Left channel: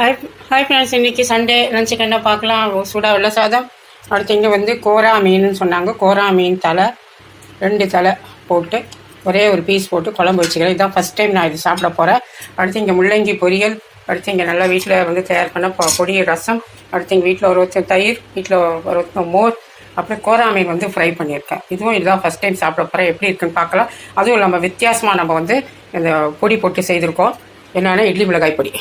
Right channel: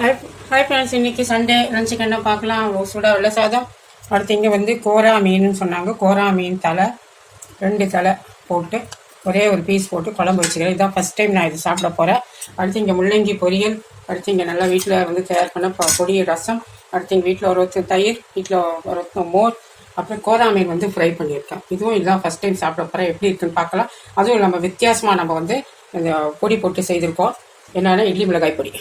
Hi hi friends, இன்றைக்கி Sunday லஞ்சுக்கு என்ன பார்க்கலாம். சூடாக வெள்ளை சாதம். அடுத்து இங்கே வந்து கோரா மீனுன்னு சொன்னாங்க. கோரா மீன் தலை 2 தலை போட்டு ஒரே ஒரு பீஸ் போட்டு குழம்பு வச்சுக்கிறேன். இதுதான் ஃபஸ்ட் டைம் நான் இது சாப்பிட போகிறேன். அடுத்து இங்கே முள்ளங்கி பொரியல். அடுத்து இங்கே நல்லா வீட்டில் வந்து தயார் பண்ண பொடி ரசம். அடுத்து இங்கே வீட்டில் ஒரு தயிர், வீட்டில் ஒரு மோர், அப்புறம் கோரா மீன் வந்து ஃப்ரை பண்ணியிருக்கேன். இதுதான் ஃபஸ்ட் டைம் சாப்பிட போகிறேன். எப்படி இருக்குன்னு பார்க்கலாம். அதுவும் நம்ம வித்தியாசமாக நம்ம வந்து இந்த பொடி போட்டு செய்திருக்கோம். என்னென்னா இட்லி மிளகாய் பொடி.